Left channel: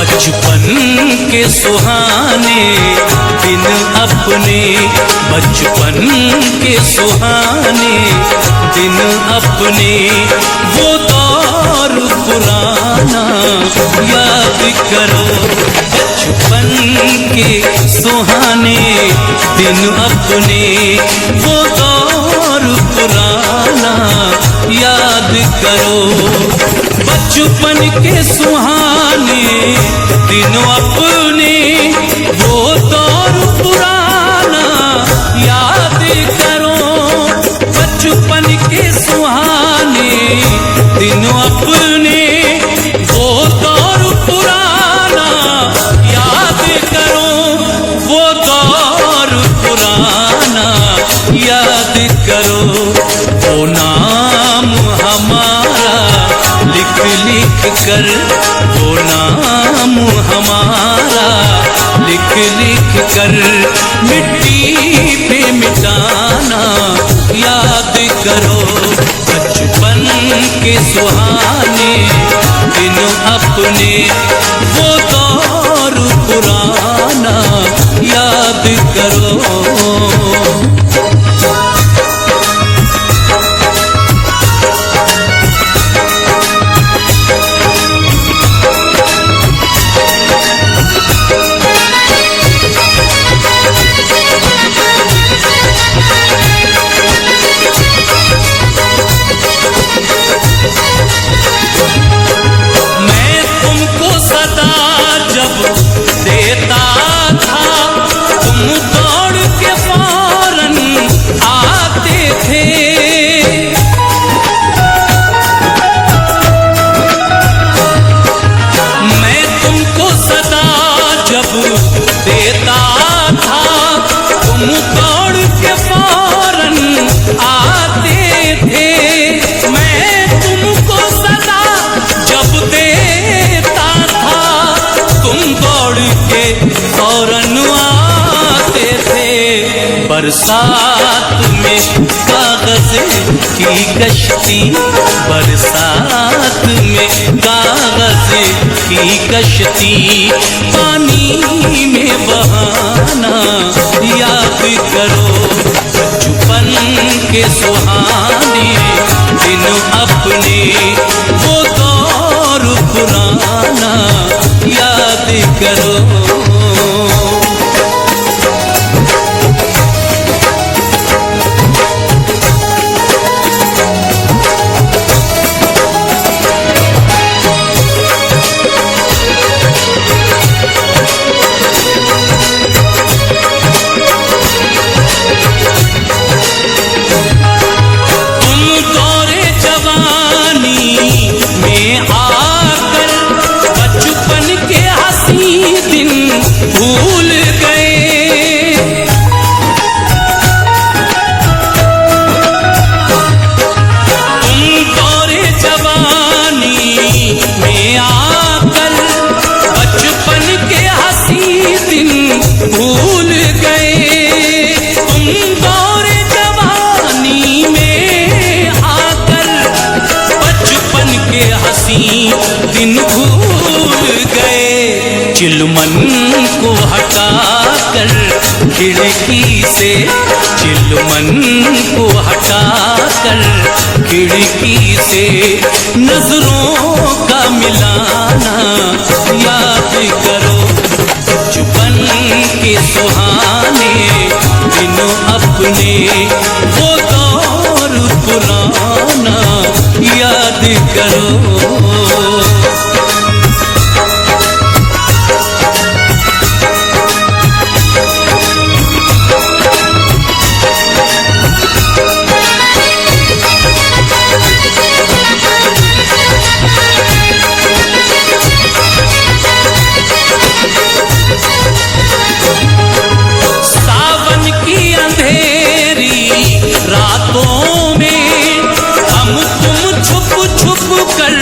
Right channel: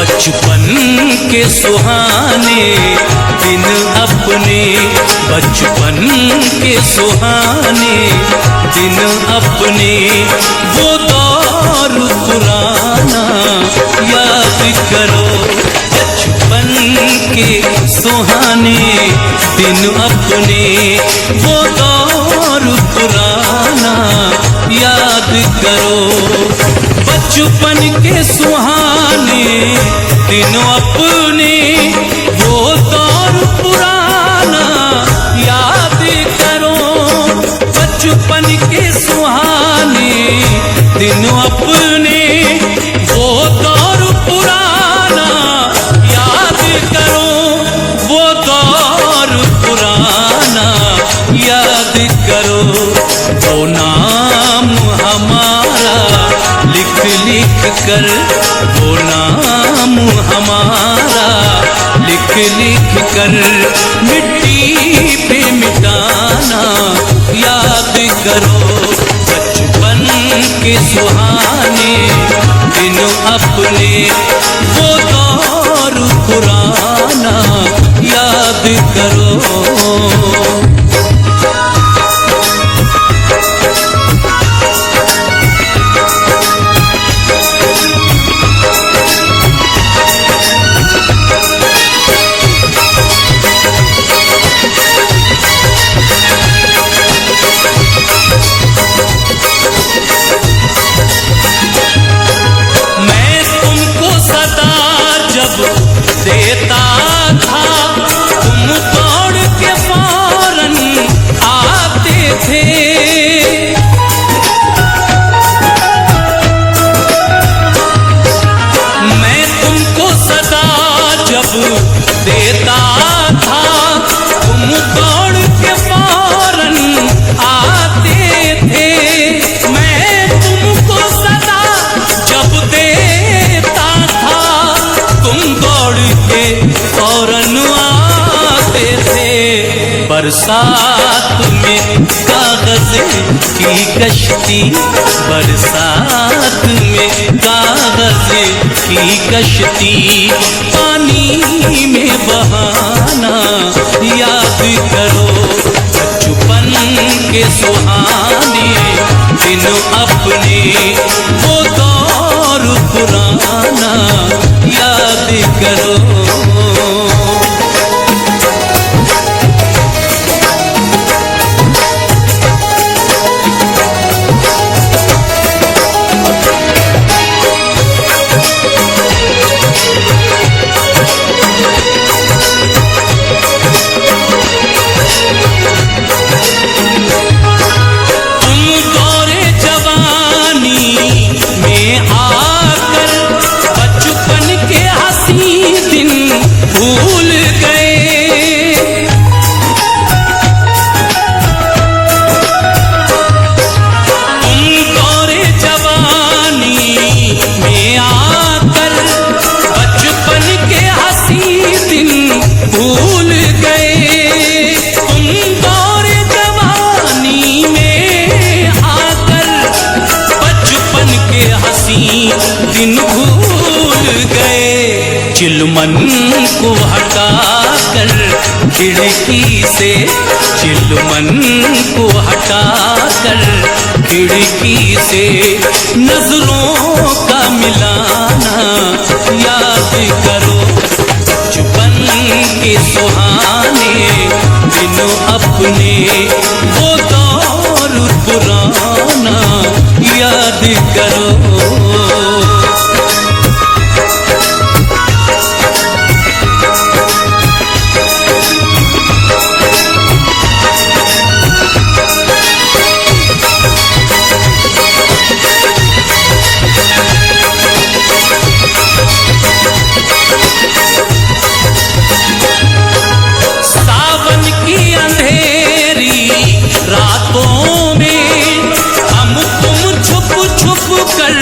बचपन के सुहाने दिन अपने, बचपन के सुहाने दिन अपने, वो दौर पुराना याद करो। बचपन के सुहाने दिन अपने, वो दौर पुराना याद करो। बचपन के सुहाने दिन अपने, वो दौर पुराना याद करो। बचपन के सुहाने दिन अपने, वो दौर पुराना याद करो। वो दौर पुराना याद करो। वो नाम हमारा लिख लिख कर, वो नाम हमारा लिख लिख कर, मिट्टी पे मिटाना याद करो। बचपन के सुहाने दिन अपने, वो दौर पुराना याद करो। सदा जब देता था, तुम दौड़ के फौरन आते थे। मैं तुमको सदा जब देता था, तुम दौड़ के फौरन आते थे। मैं तुमको सदा जब देता था, तुम दौड़ के फौरन आते थे। बरसात में कागज की कश्ती, बरसात में कागज की कश्ती, पानी में बहाना याद करो। बचपन के सुहाने दिन अपने, वो दौर पुराना याद करो। तुम दौरे जवानी में आकर बचपन के हंसी दिन भूल गए। तुम दौरे जवानी में आकर बचपन के हंसी दिन भूल गए। तुम दौरे जवानी में आकर बचपन के हंसी दिन भूल गए। चिलमन को हटाकर खिड़की से, चिलमन को हटाकर खिड़की से, नजरों का मिलाना याद करो। बचपन के सुहाने दिन अपने, वो दौर पुराना याद करो। सावन की अंधेरी रातों में हम तुम छुप छुप कर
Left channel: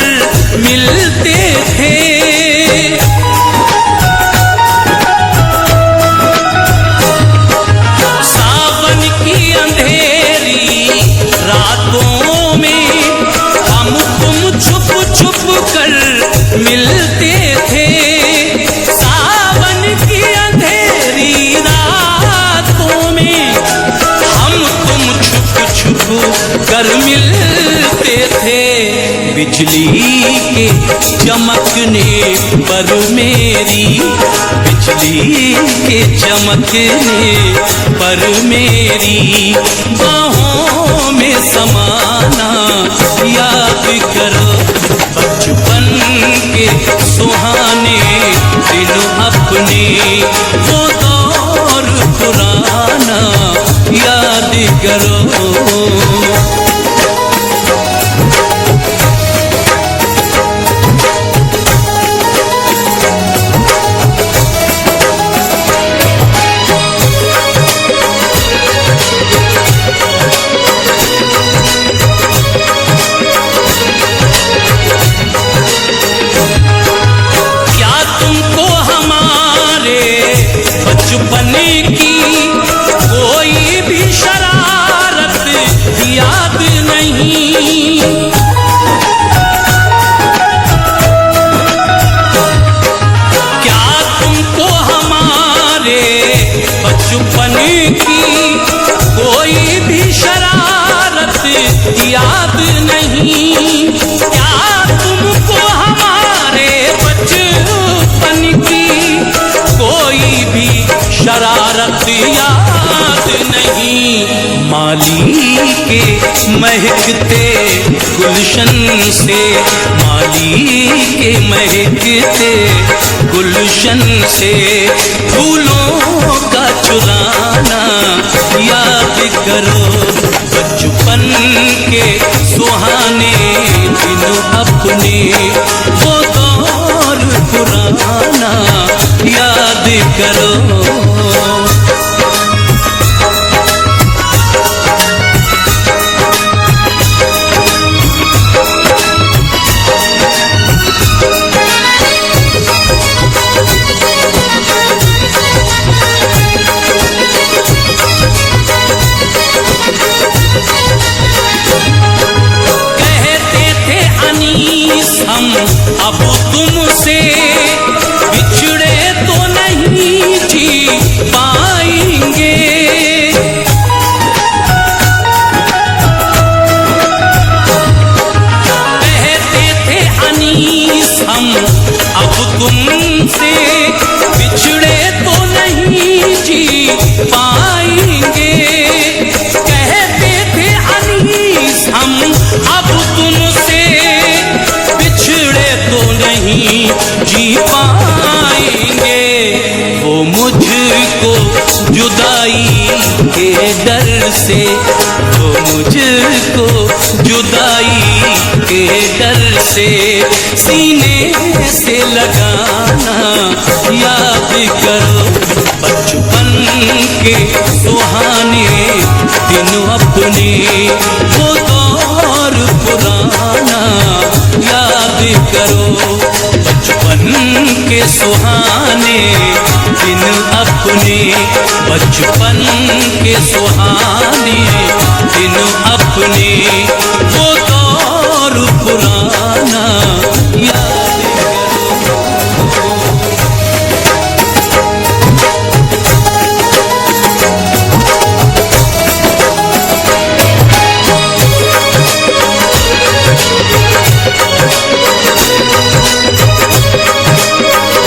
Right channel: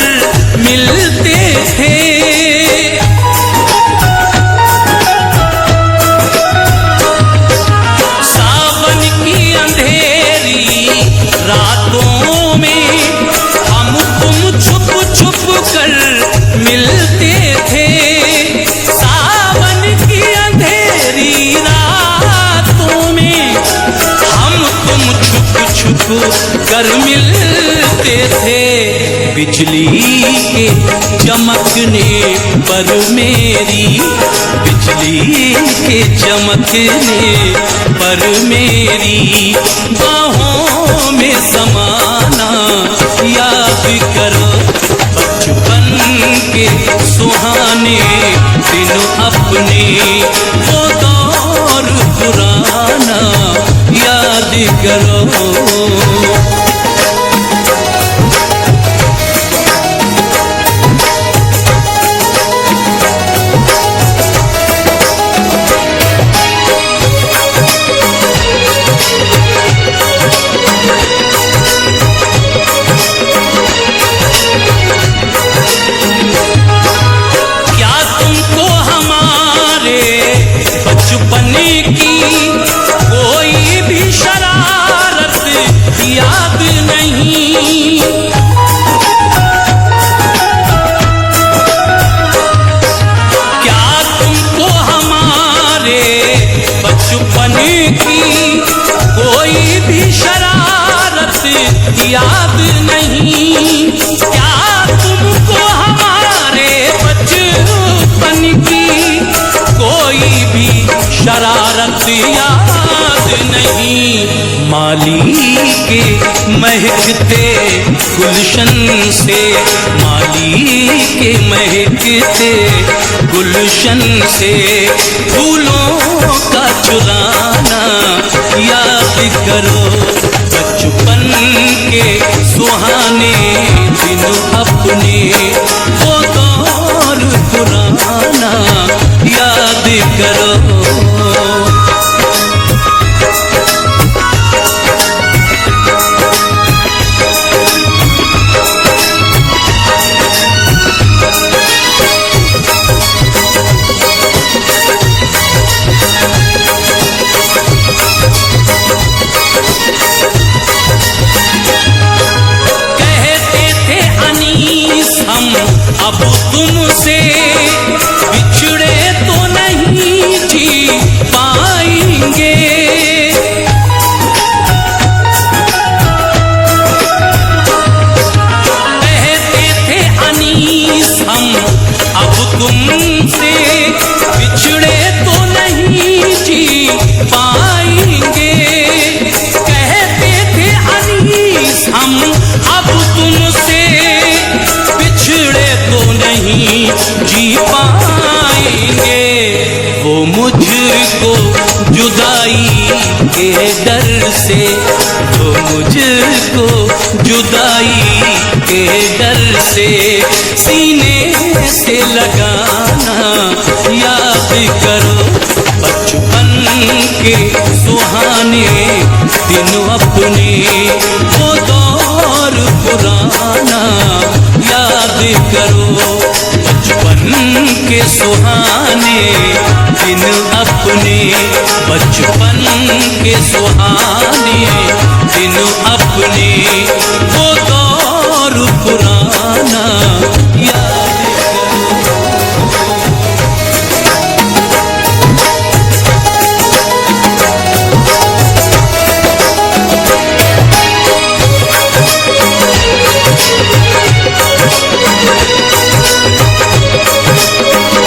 मिलते थे। सावन की अंधेरी रातों में हम तुम छुप छुप कर मिलते थे। कर मिलते थे। बिजली के चमकने पर मेरी, बिजली के चमकने पर मेरी बाहों में समाना याद करो। बचपन के सुहाने दिन अपने, वो दौर पुराना याद करो। बचपन की कोई भी शरारत याद नहीं, क्या तुमको हमारे बचपन की कोई भी शरारत याद नहीं? क्या तुमको हमारे बचपन की कोई भी शरारत याद नहीं? माली के महकते गुलशन से, माली के महकते गुलशन से फूलों का चुराना याद करो। बचपन के सुहाने दिन अपने, वो दौर पुराना याद करो। हम अब तुमसे बिछड़े तो नहीं जी पाएंगे, कहते थे अनीस हम अब तुमसे बिछड़े तो नहीं जी पाएंगे, कहते थे अनीस हम अब तुमसे बिछड़े तो नहीं जी पाएंगे। वो मुझको जुदाई के डर से, वो मुझको जुदाई के डर से सीने से लगाना याद करो। बचपन के सुहाने दिन अपने, वो दौर पुराना याद करो। बचपन के सुहाने दिन अपने, बचपन के सुहाने दिन अपने, वो